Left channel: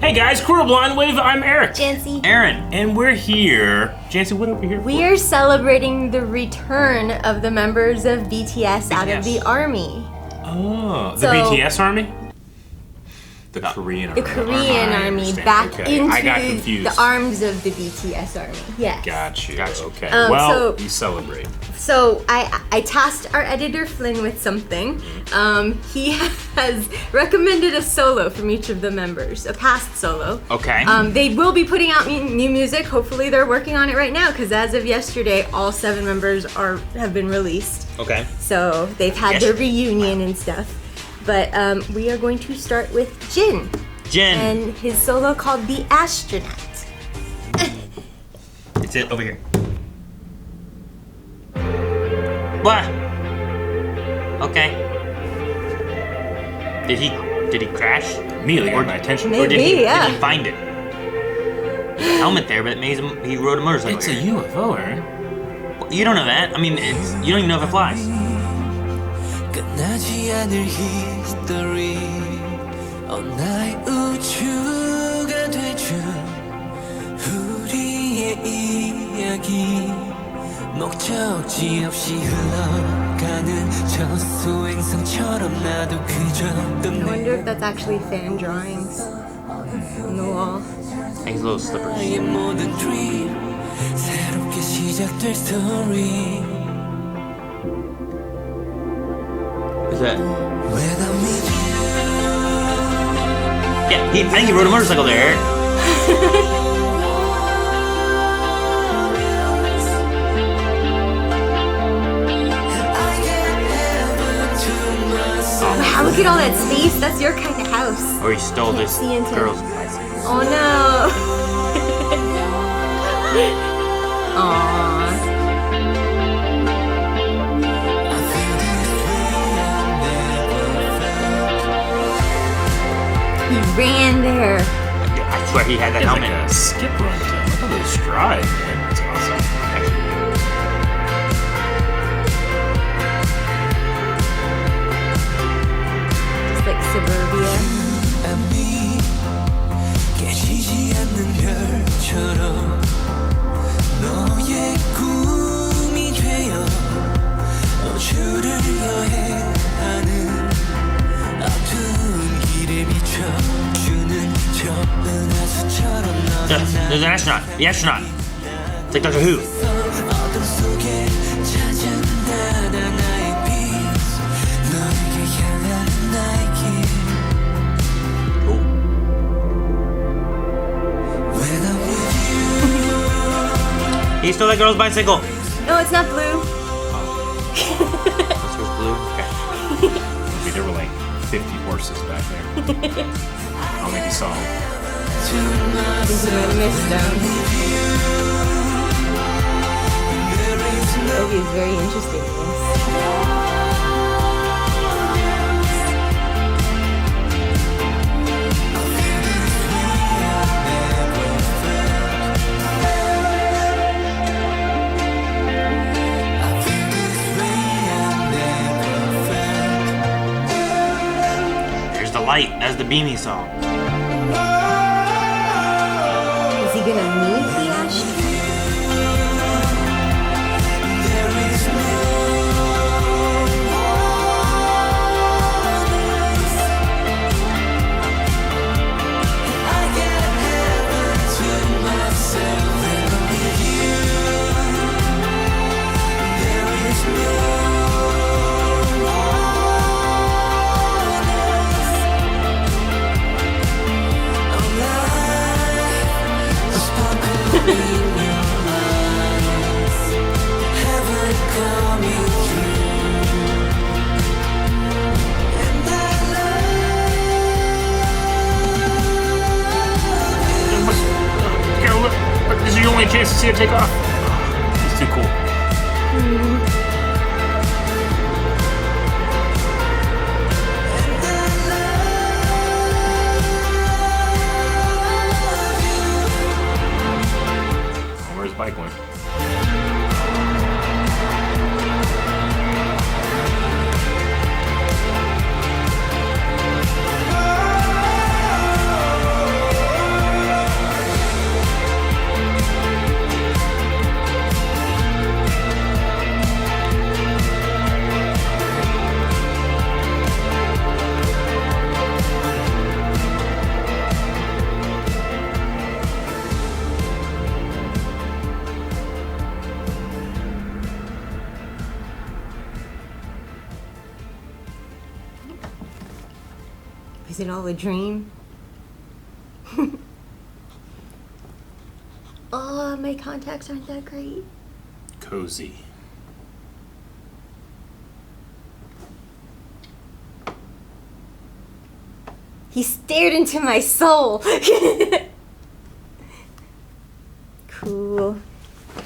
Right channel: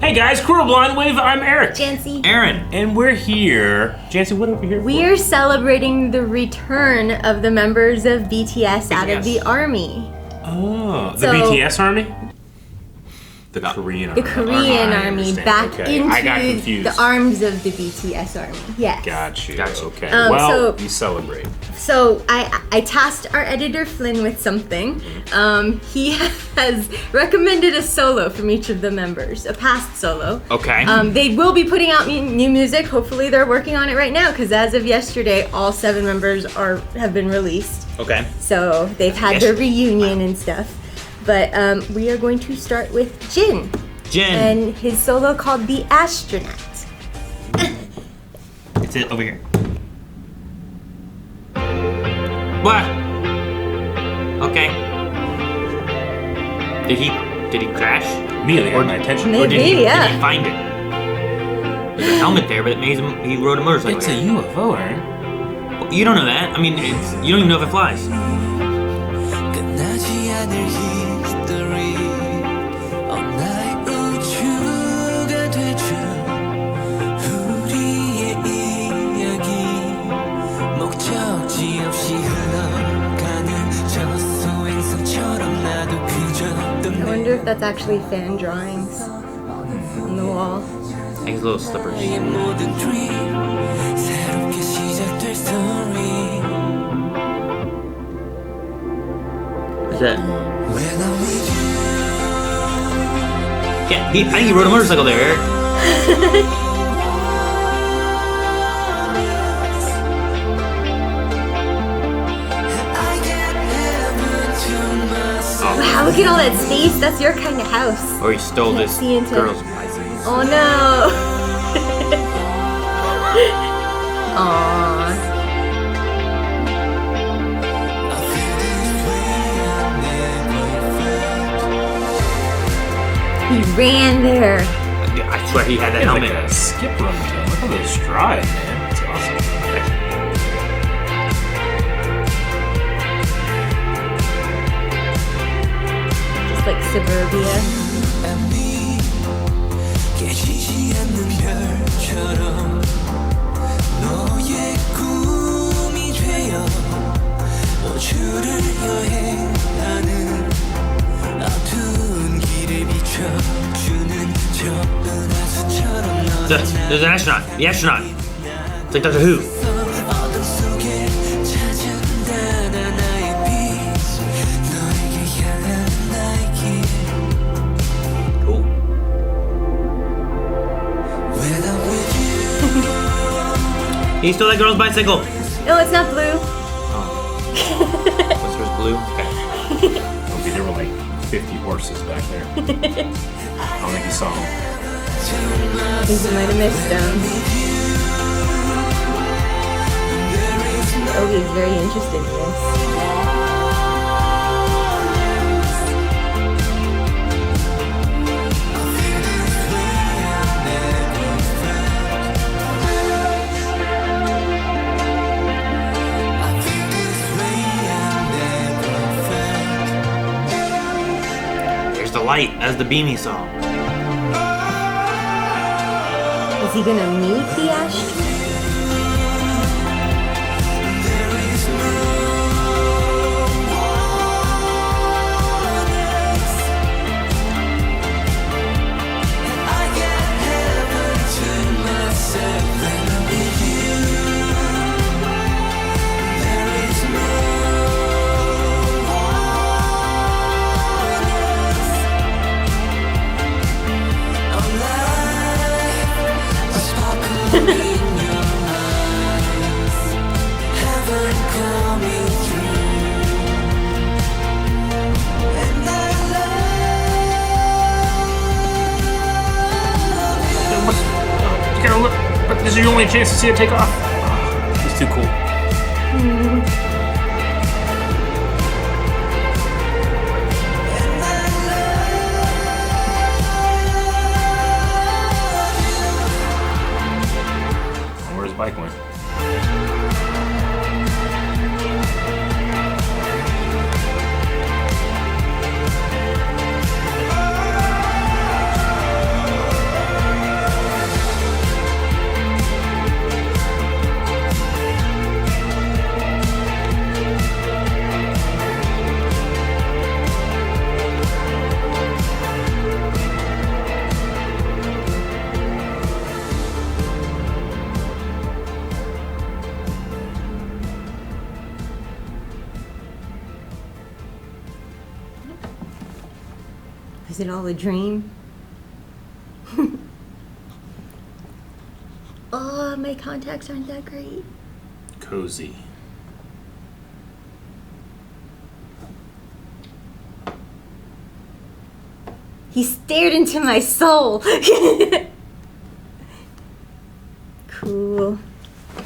Hey guys, Cool Blind with I'm Eric. Janci. Aaron. And we're here. Janci, what are we here for? We're celebrating the return of the members of BTS out of the army. Oh, the BTS army? The Korean army. The Korean army back into I got confused. the arms of the BTS army. Yes. Got you. Gotcha. Okay. So- we celebrate. So I tasked our editor Flynn with something. He has recommended a solo from each of the members, a past solo. Okay. They will be putting out new music. Hopefully they're working on it right now because as of yesterday, all 7 members have been released. Okay. So they've had their reunion and stuff. But we are going to start with Jin. Jin. And his solo called The Astronaut. It's it over here. What? Okay. Did he crash? Immediately got my attention. Maybe. Or did he Yeah. find it? There's a helmet there, but it means he rode a motorcycle. It's a UFO, right? You don't know that. I mean, you don't even know if it flies. 끝나지 않을 history 나의 우주가 되죠 우리의 이야기 목적지 없이 흘러가는 저 소행성처럼 나도 그저 I wonder if that's actually fan drawings on the wall. I think it's a little slippery. 나의 모든 dream 새롭게 시작될 story What's that? When I'm with you Yeah, I think he rode a motorcycle there. I get heaven to myself Wow, look at all that space. That's your kind of house. Or he stole this See into- girl's. Oh no. Aww. I feel this way I never felt He ran there. I swear he had that It's like helmet. a skip run to him. Look at those strides, man. That's awesome. Just like suburbia. and me 깨지지 않는 별처럼 너의 꿈이 되어 우주를 여행하는 어두운 길에 비춰주는 저 은하수처럼 There's 너는 an astronaut. The astronaut. It's like Doctor Who. 어둠 속에 찾아온다 나의 빛 너에게 향하는 나의 길 When I'm with you He stole that girl's bicycle. No, it's not blue. I think there were like 50 horses back there. I don't think you saw them. He's might have missed them. Oh, he's very interested in this. I feel this way I never felt There's the light. That's the beanie song. Is he gonna meet the astronaut? There is no one else I get heaven to myself when I'm with you There is no one else Our life a sparkle in your eyes Heaven coming through And I love You gotta look. But this is your only chance to see it take off. It's too cool. Where's his bike went? Is it all a dream? Oh, my contacts aren't that great. Cozy. He stared into my soul. Cool.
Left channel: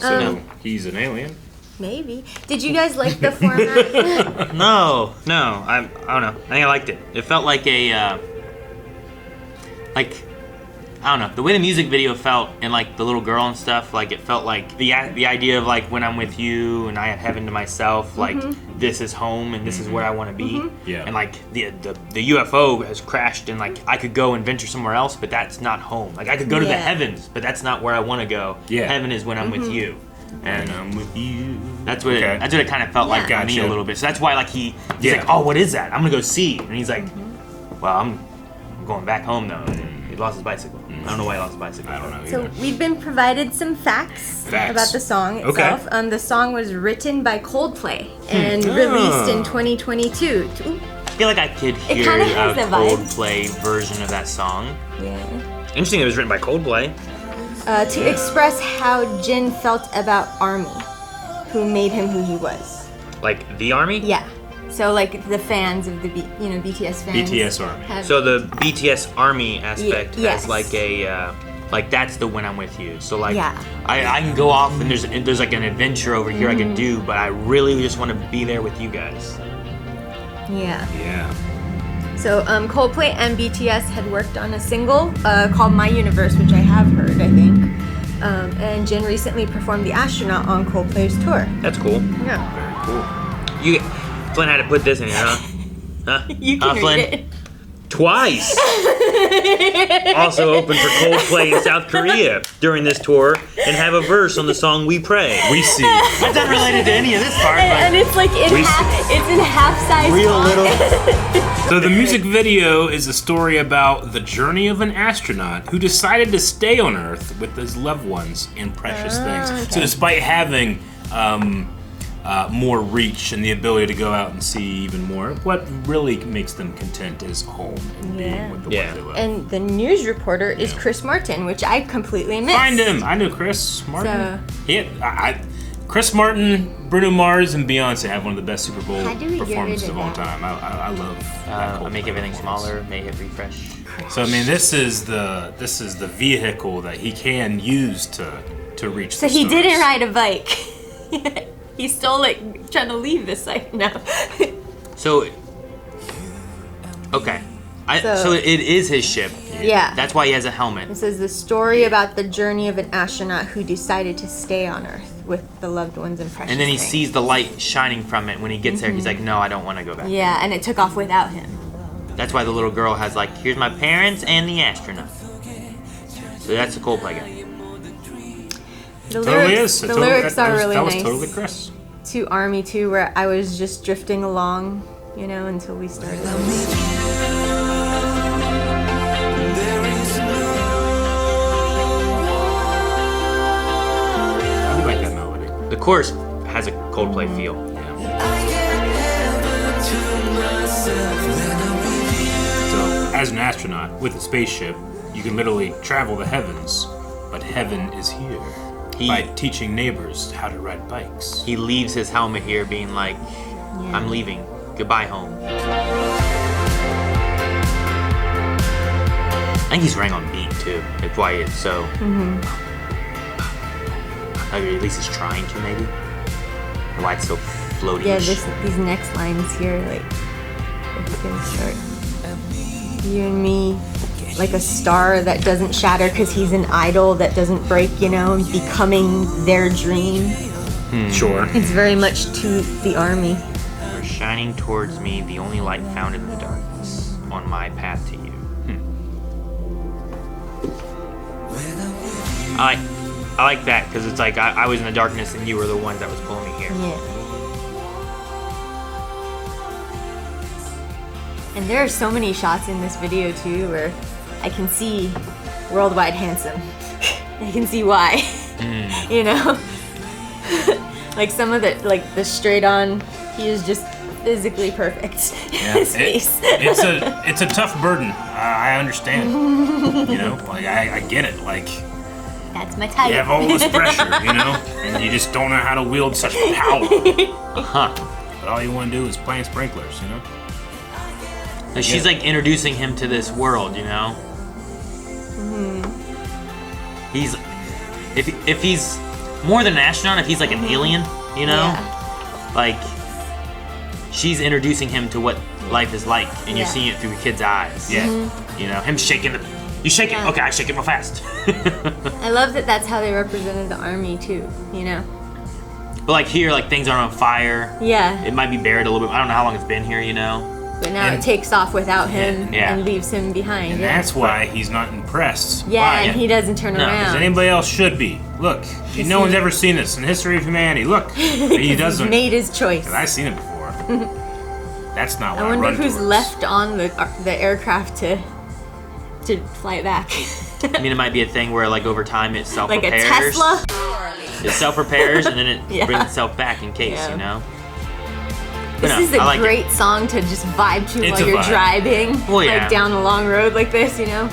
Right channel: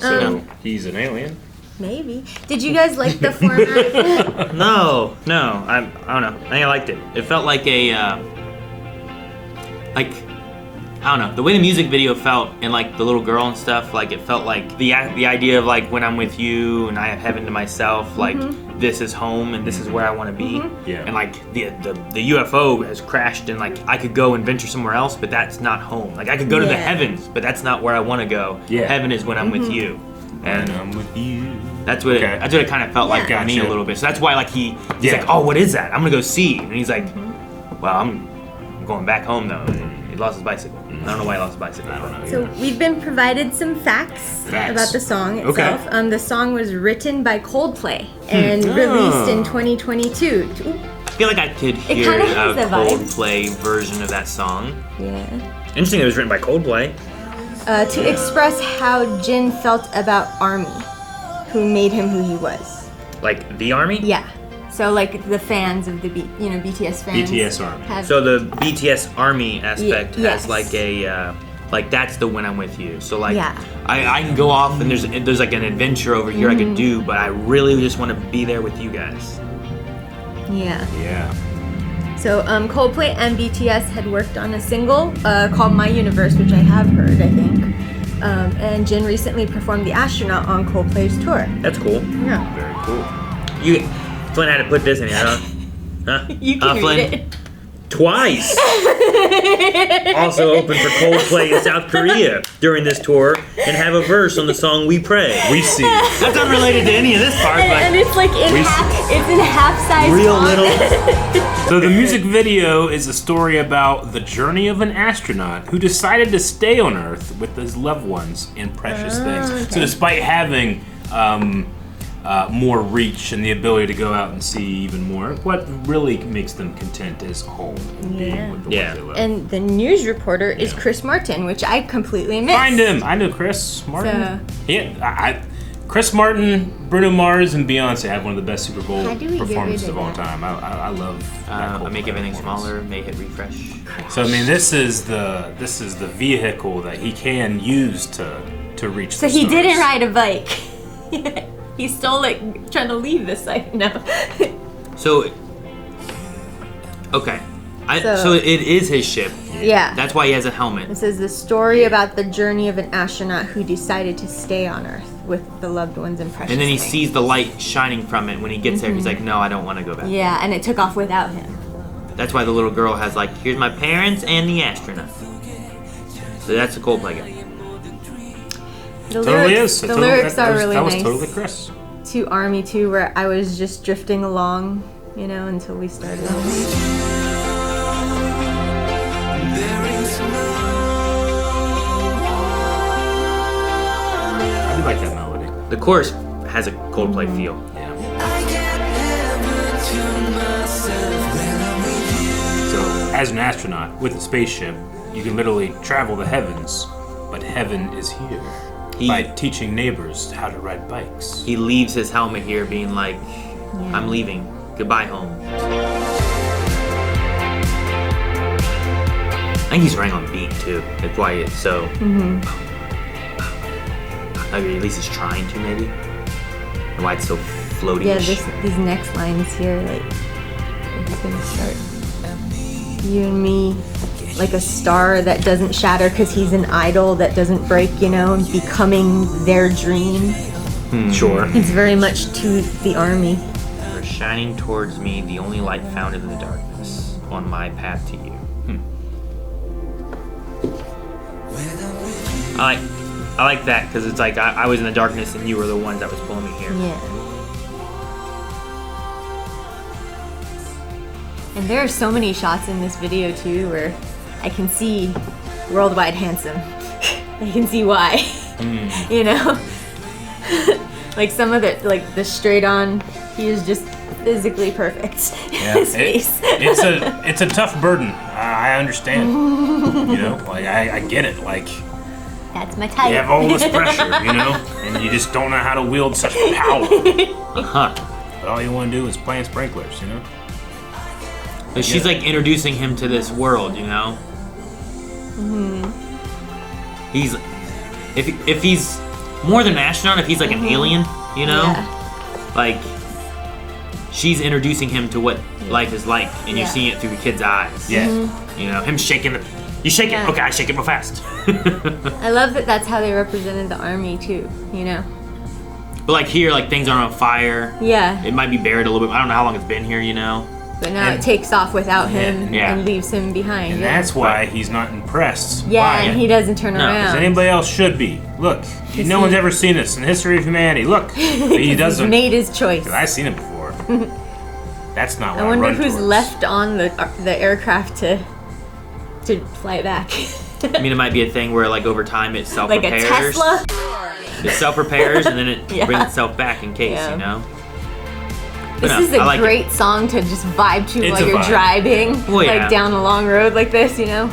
So he's an alien. Maybe. Did you guys like the format? No. I don't know. I think I liked it. It felt like a, I don't know. The way the music video felt and like the little girl and stuff, like it felt like the idea of like when I'm with you and I have heaven to myself, like this is home and this is where I want to be. Yeah. And like the UFO has crashed and like I could go and venture somewhere else, but that's not home. Like I could go to the Yeah. heavens, but that's not where I want to go. Yeah. Heaven is when I'm with you. And I'm with you. That's what Okay. it kind of felt like to me Gotcha. a little bit. So that's why like he's Yeah. like, oh, what is that? I'm gonna go see. And he's like, well, I'm going back home though. He lost his bicycle. I don't know why he lost his bicycle. I don't know So either. we've been provided some facts about the song Okay. itself. The song was written by Coldplay and released in 2022. Ooh, I feel like I could It hear kinda has a the vibe. Coldplay version of that song. yeah. Interesting, it was written by Coldplay. To express how Jin felt about ARMY, who made him who he was. Like the army. Yeah. So like the fans of the BTS fans. BTS Army. have- So the BTS army aspect Yes. has like a like that's the when I'm with you. So like Yeah. I can go off and there's like an adventure over here I could do, but I really just want to be there with you guys. Yeah. Yeah. So Coldplay and BTS had worked on a single called My Universe, which I have heard, I think. And Jin recently performed The Astronaut on Coldplay's tour. That's cool. Yeah. Very cool. Flynn had to put this in here, huh? Huh? You can read Flynn? it. Twice. Also opened for Coldplay in South Korea during this tour and have a verse on the song We Pray. We see. That's unrelated to any of this part, And it's like in We- it's in half size. but real little. So the music video is a story about the journey of an astronaut who decided to stay on Earth with his loved ones and precious things. So despite having more reach and the ability to go out and see even more, what really makes them content is home and being with the ones they love. And the news reporter is Yeah. Chris Martin, which I completely missed. Find him. I know Chris Martin. So- Chris Martin, Bruno Mars, and Beyonce have one of the best Super Bowl How do we get performances rid of of all that? time. I love that Coldplay Make everything performance. smaller, make it refresh. So I mean, this is the vehicle that he can use to reach. So the he stars. didn't ride a bike. He stole it trying to leave the site now. So, okay. So- So it is his ship. Yeah. That's why he has a helmet. This is the story about the journey of an astronaut who decided to stay on Earth with the loved ones and precious And then he things. sees the light shining from it. When he gets there, he's like, no, I don't want to go back. Yeah, and it took off without him. That's why the little girl has like, here's my parents and the astronaut. So that's a Coldplay guy. The Totally is. the lyrics are really that was nice. totally Chris. To Army too, where I was just drifting along, until we started. I'm with you. There is no I do like that melody. The chorus has a Coldplay feel. Yeah. I get heaven to myself when I'm with you. So as an astronaut with a spaceship, you can literally travel the heavens, but heaven is here by teaching neighbors how to ride bikes. He leaves his helmet here being like, I'm leaving. Goodbye, home. I think he's right on beat, too. That's why it's so... I mean, at least he's trying to, maybe. And why it's so floaty. Yeah, these next lines here, like, it's gonna start. You and me, like a star that doesn't shatter because he's an idol that doesn't break, becoming their dream. Sure. It's very much to the Army. You're shining towards me, the only light found in the darkness, on my path to you. I like that, because it's like I was in the darkness and you were the one that was pulling me here. Yeah. And there are so many shots in this video too where I can see worldwide handsome. I can see why. Like some of the straight on, he is just physically perfect. Yeah, His face. it's a tough burden. I understand. You know, like I get it. Like That's my type. you have all this pressure, you know, and you just don't know how to wield such power. But all you want to do is plant sprinklers, you know. Like she's like introducing him to this world, you know. He's if he's more than an astronaut, if he's like an alien, you know, like she's introducing him to what life is like, and you see it through the kid's eyes. Yeah. You know, him shaking the. You shake it. Okay, I shake it real fast. I love that that's how they represented the army too, you know? But like here, like things aren't on fire. Yeah. It might be buried a little bit. I don't know how long it's been here, you know. But now it takes off without him and leaves him behind. And that's why he's not impressed. Yeah, by and it. he doesn't turn Because around. anybody else should be. Look, no one's ever seen this in the history of humanity. Look, he doesn't. He's made his choice. I've seen it before. That's not what I wonder run who's towards. left on the aircraft to fly it back. I mean, it might be a thing where like over time it self Like repairs. a Tesla? It self repairs and then it Yeah. brings itself back in case, you know. This is a great song to just vibe to It's while a you're vibe. driving, Oh, yeah. like down a long road like this, you know?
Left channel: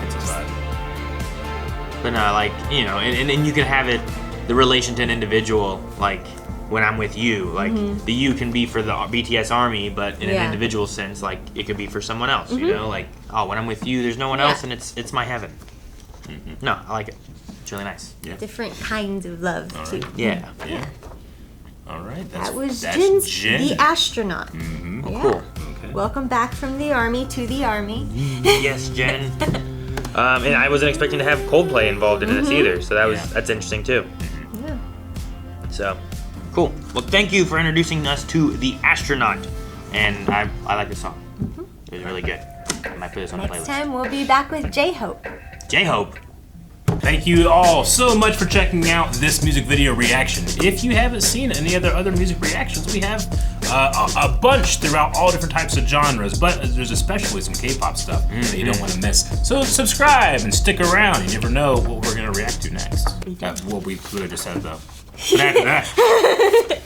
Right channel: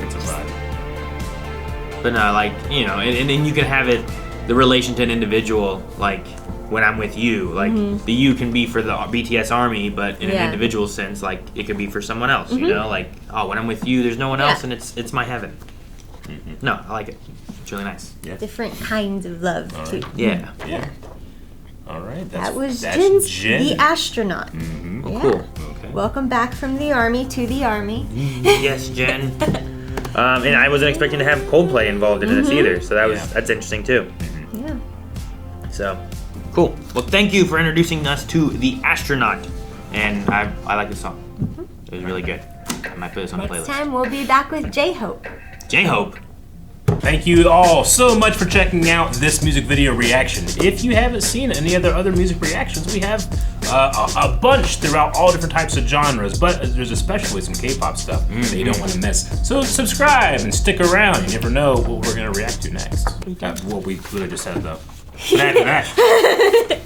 It's a vibe. But no, like, you know, and you can have it, the relation to an individual, like when I'm with you, like the you can be for the BTS Army, but in an individual sense, like it could be for someone else, you know? Like, oh, when I'm with you, there's no one else, and it's my heaven. No, I like it. It's really nice. Yeah. Different kinds of love, too. Yeah. Yeah. All right. That's that's Jin's Jin. The Astronaut. Oh, Yeah. cool. Okay. Welcome back from the army to the army. Yes, Jen. And I wasn't expecting to have Coldplay involved in this either, so that's interesting too. Yeah. So, cool. Well, thank you for introducing us to The Astronaut, and I like the song. It was really good. I might put this on a Next playlist. time we'll be back with J-Hope. J-Hope. Thank you all so much for checking out this music video reaction. If you haven't seen any other music reactions, we have a bunch throughout all different types of genres, but there's especially some K-pop stuff that you don't want to miss. So subscribe and stick around. You never know what we're going to react to next. Well, we literally just said though. But after that.